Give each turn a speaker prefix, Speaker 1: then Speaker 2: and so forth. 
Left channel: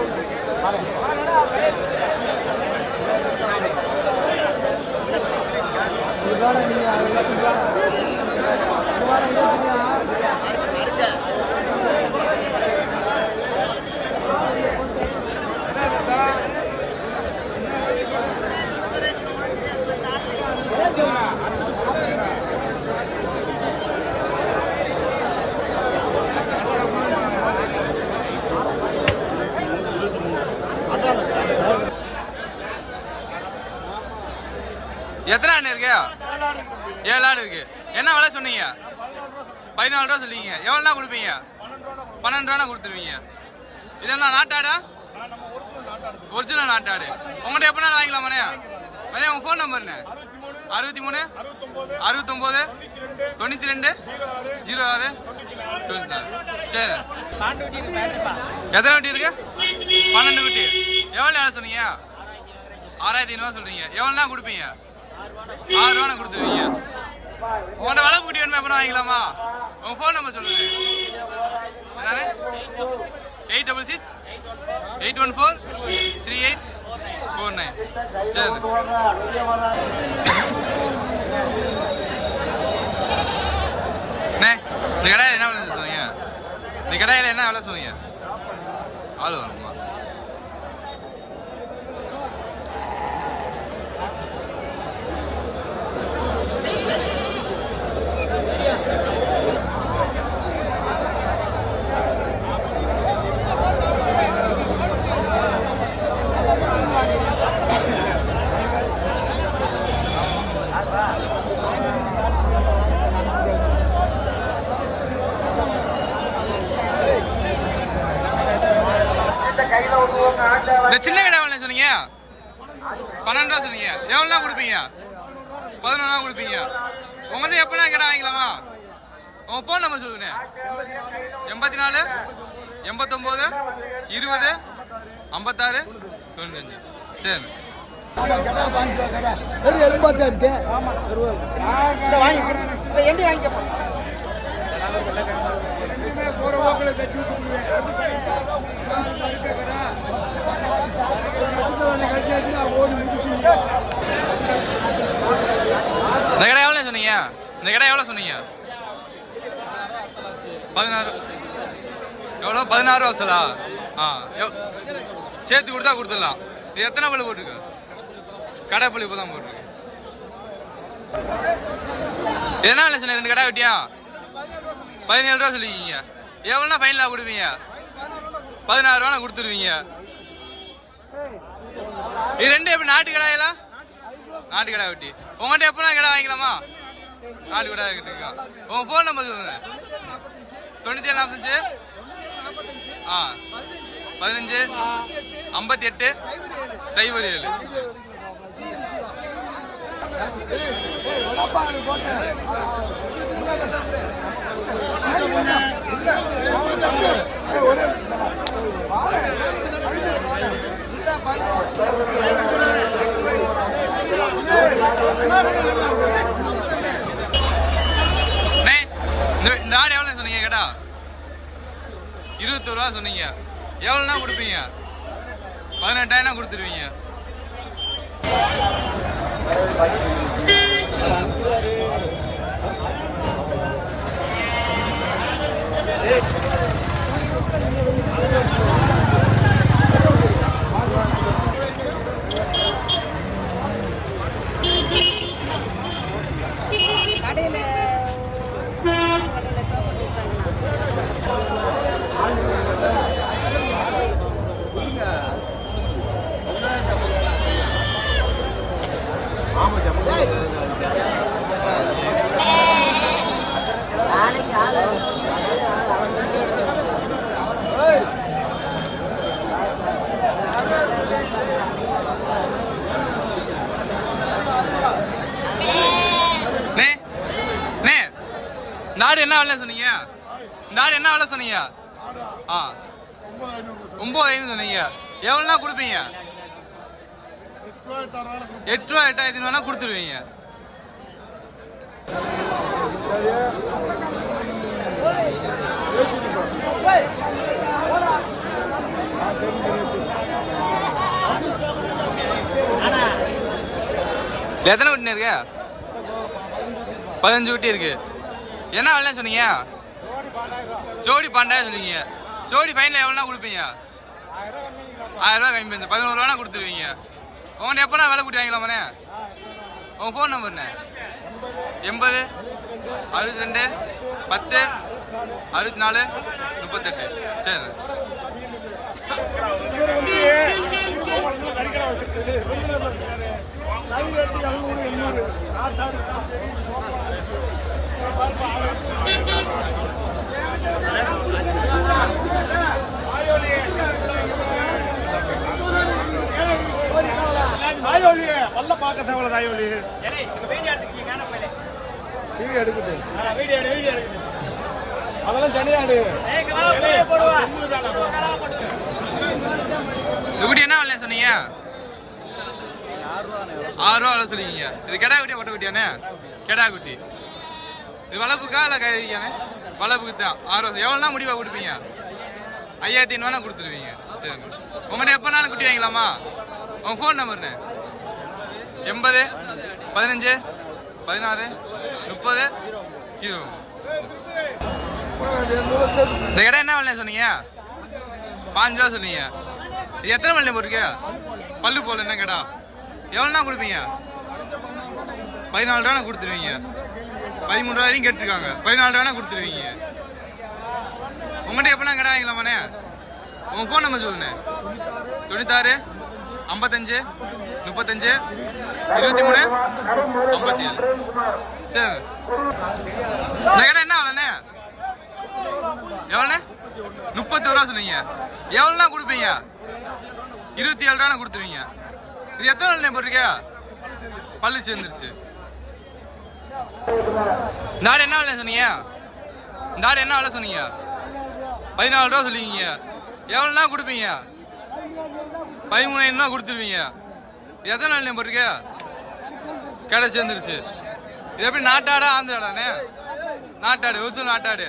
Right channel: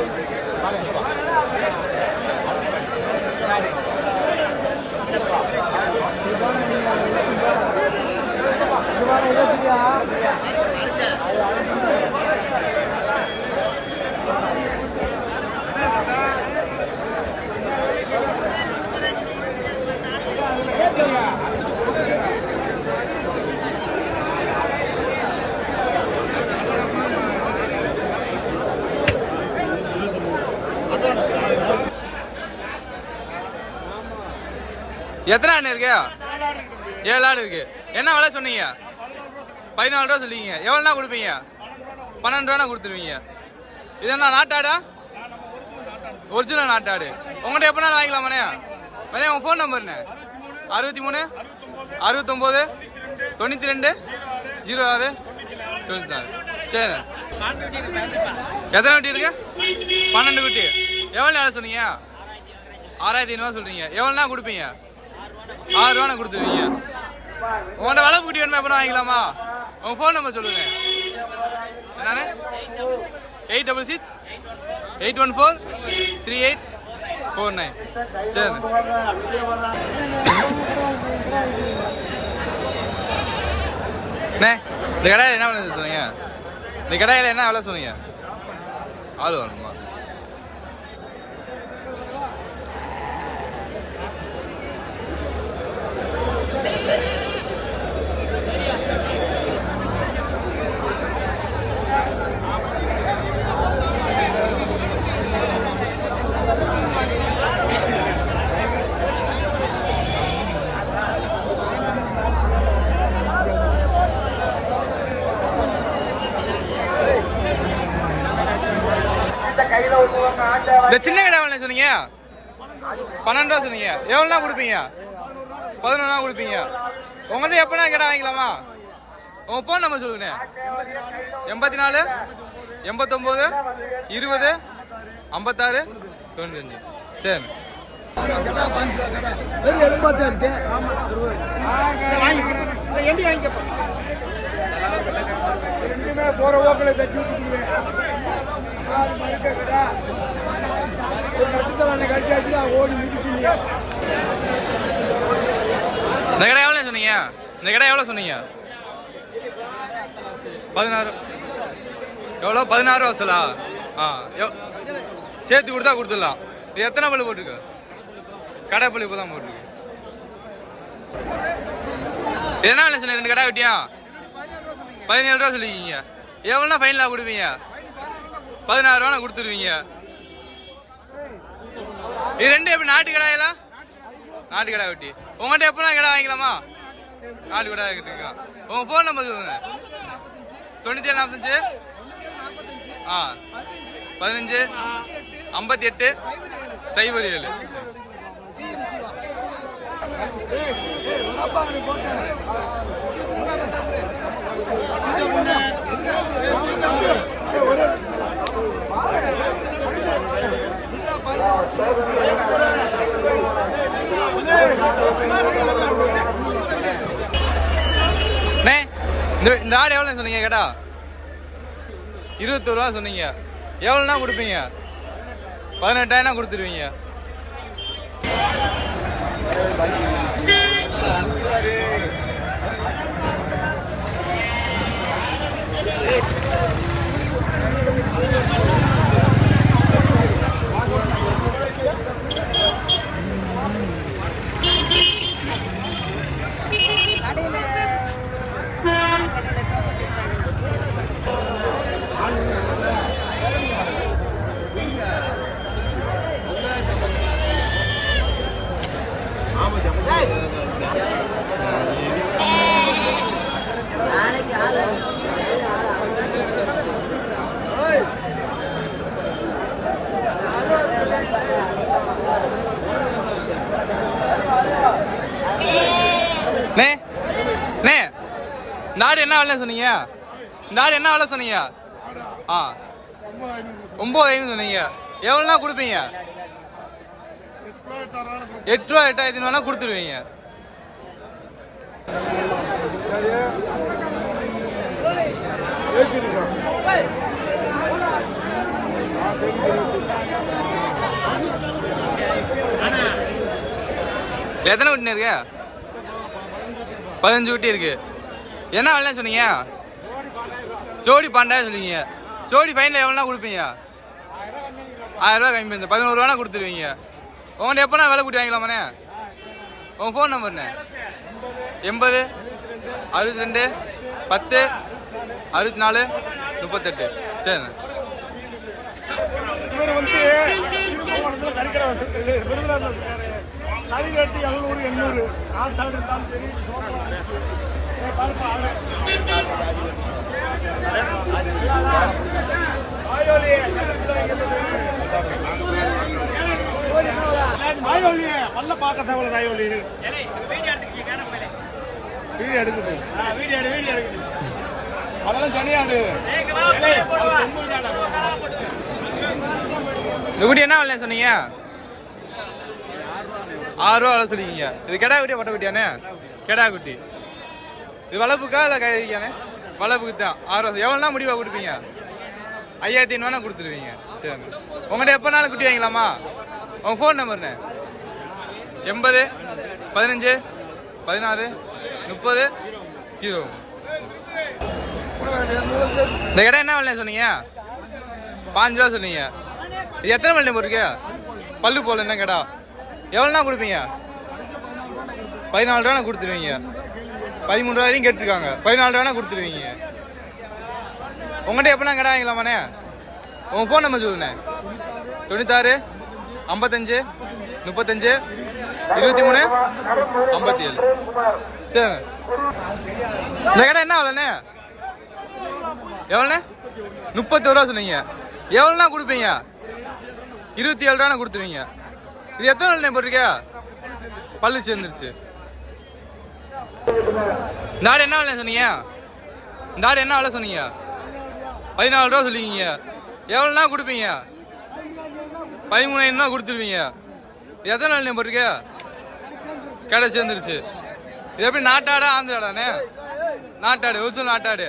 Speaker 1: ဒီကောင်ကမြင်ရတယ်ဒီကောင်ကဒီကောင်ကဒီကောင်က எத்தனை ஆடு இருக்கு? ஏழு ஆடு இருக்கு. என்ன விலை சொன்னீங்க? பதினாலு ரூபா சொல்லிங்க எவ்வளோனா கொடுப்பீங்க? பன்னெண்டு ரூபா கொடுத்துருவீங்க. இது என்ன நாட்டாடா ஒரிஜினல் நாட்டாடு உங்கள்கிட்ட எப்போ வாங்கிக்கலாமாண்ணே மண்ணே உங்கள் ஃபோன் நம்பர்ண்ணே அறுபத்தி மூணு அறுபத்தொம்போது தொண்ணூற்றி ரெண்டு ஜீரோ ஆறு தொண்ணூற்றி நாலு. சரி. எத்தனை குட்டி இருக்கு? பன்னெண்டு குட்டி. எவ்வளோ நேரம் சொன்னீங்க? ஆறாயிரத்தி ஐநூறுவா சொல்கிறீங்க எவ்வளோனா கொடுப்பீங்க? ஆறு ரூபா கொடுத்துருவீங்க. உங்கள்கிட்ட வளர்ப்பு குட்டி வேணுமா அப்புறம் வாங்கிக்கலாமா? உங்க ஃபோன் நம்பர் சொல்லுங்க. என்னன்னு eight double six eight one four three eight four nine சரி அண்ணே இந்த கடையில் என்ன விலை சொன்னீங்க? இந்த கடையில் என்ன விலை சொன்னீங்க? ஆள் வரணுமா? இந்த சின்ன கடை எவ்வளோ சொன்னீங்க? பன்னெண்டு ரூபா சொன்னீங்க. எவ்வளோனா கொடுப்பீங்க? பதினொன்றா கொடுப்பீங்க. உங்கள்கிட்ட எப்போனா கடை வாங்கிக்கலாமா? உங்கள் ஃபோன் நம்பர் சொல்லுங்கண்ணே. எண்பத்தி நாலு எண்பத்தொம்போது இருபது ஐம்பத்தாறு தொண்ணூத்தஞ்சு. சரி
Speaker 2: போற தட்டி
Speaker 1: இந்த கடை எவ்வளோ சொன்னீங்க? இந்த கடை எவ்வளோ சொன்னீங்க? பதினாறு. எவ்வளோ பதினாறு வசலா? ஆ சேர்த்து கொடுத்தா கொடுத்துடலாம். இது எத்தனை பல்லு போட்டிருக்கு? கடை பல்லு இப்போ தான் போட்டிருக்கு என்ன சொன்ன ரெண்டு கடை வெட்டியா? பதினேழு ரூபா சொல்லிக்கிங்க எவ்வளோனா ஃபைனலாக கொடுப்பீங்க? பதினாறு ரூபா கொடுத்துருவீங்க இது ரெண்டு எப்படி நாட்டு கடாயெல்லாம் நாட்டு கடை வெட்டி உங்கள்கிட்ட எப்போனா கடை வாங்கிக்கலாமா நாட்டு கடை இருக்குங்க உங்கள் ஃபோன் நம்பர் சொல்லுங்க தொண்ணூற்றி ஏழு நாற்பத்தஞ்சு ஆ பதினஞ்சு ஐம்பத்தி எட்டு சைபர் ஏழு
Speaker 2: அண்ணே
Speaker 1: இந்த இந்த ஆடு எவ்வளோ சொன்னீங்க கேட்டா? இருபத்தொரு ரூபா சொன்னீங்க. எவ்வளோனா கொடுப்பீங்க? பதினெட்டாயிரம் கொடுத்துருவீங்க. Thank you. ஆடு என்ன விலை சொன்னீங்க? இந்த ஆடு என்ன விலை சொன்னீங்க? ஆ. ஒம்பது ஐநூறு சொன்னீங்க. எவ்வளோனா கொடுப்பீங்க? எட்டு ரூபா எட்டாயிரத்தி வேணா கொடுத்துருவீங்க. எத்தனை குட்டி இருக்கு? பதினஞ்சு குட்டி இருக்கு. என்ன விலை சொன்னீங்க? ஜோடி பன்னெண்டாயிரம் சொன்னீங்க ஜோடி ஃபைனல் எவ்வளோனா கொடுப்பீங்க? ஆயிரம் ரூபா கம்மி பண்ணி பதினோரு ரூபா கொடுத்துருவீங்க. உங்கள்கிட்ட எப்போனா விலை கூட்டி வாங்கிக்கலாமாண்ணே? உங்கள் ஃபோன் நம்பர்ண்ணே எண்பது அறுபத்தி ரெண்டு பத்து அறுபத்தி நாலு முப்பத்தெட்டு. சரிண்ணே.
Speaker 2: எண்ணூறு பார்க்க தேவையில்ல தாயோலி வீடியோ எடுக்குது வீடியோ எடு வீடியோ எடுக்குது அதெல்லாம் தனியாடு
Speaker 1: இந்த குட்டி என்ன விலை சொன்னீங்க? ஆறு ரூபா விலை சொல்லிக்கிங்க இது கெடா குட்டியா பொட்டை குட்டியானே? கெடா குட்டி. இது வளர்ப்புக்கா இல்லை கைதிக்கானே வளர்ப்புக்கு தான். ஆறு ரூபா. எவ்வளோனா முடிவா கொடுப்பீங்க? ஐயாயிரத்தி ஐநூறுவா கொடுத்துருவீங்க. சரிண்ணே. உங்கள்கிட்ட எப்போனாலும் குட்டி வாங்கிக்கலாமா? உங்கள் ஃபோன் நம்பர்ண்ணே எண்பது பதினஞ்சு பதினாறு முப்பது ஜீரோ. இந்த கடை என்ன விலை சொன்னீங்க? பாஞ்சு ரூபா சொன்னீங்க. இது எத்தனை மணி போட்டுருக்கு? பல்லு போல என்ன கடா? எவ்வளோண்ணா கொடுப்பீங்க? பதினாலு ரூபா கொடுத்துருவீங்க. பதிமூணு ரூபா வரையும் கேட்டிருக்காங்க. பதினாலு ரூபா கொடுத்துருவீங்க. உங்கள்கிட்ட எப்படிலாம் கடை வாங்கிக்கலாமாண்ணே? உங்கள் ஃபோன் நம்பர் சொல்லுண்ணே. தொண்ணூத்தாறு ஐம்பத்தஞ்சு முப்பத்தஞ்சு இருபத்தி மூணு? ஐம்பத்தி ஏழு. சரி. இந்த கடை என்ன அவ்வளோண்ணே எவ்வளோண்ணே? முப்பத்தோரு ரூபா சொன்னீங்க. எவ்வளோண்ணா கொடுப்பீங்க? இருபத்தி ஏழு ரூபா கொடுத்துருவீங்க. இது எத்தனை நாள் போட்டிருக்கியா பல்லு சேர்ந்துருச்சு. இந்த ஆடு என்ன விலை சொன்னீங்க? இந்த ஆடு என்ன விலை சொன்னீங்க? பதினாலு ரூபா சொல்லிக்கிங்க எவ்வளோண்ணா கொடுப்பீங்க? பதிமூணாயிரம் ரூபா கொடுத்துருவீங்க. இது எத்தனை நாள் போட்டிருக்க? கடை சேர்ந்துருச்சு இது எப்படி நாட்டாடா ஆந்திராடாண்ணே நாட்டாடு ஒரிஜினல் நாட்டாடு.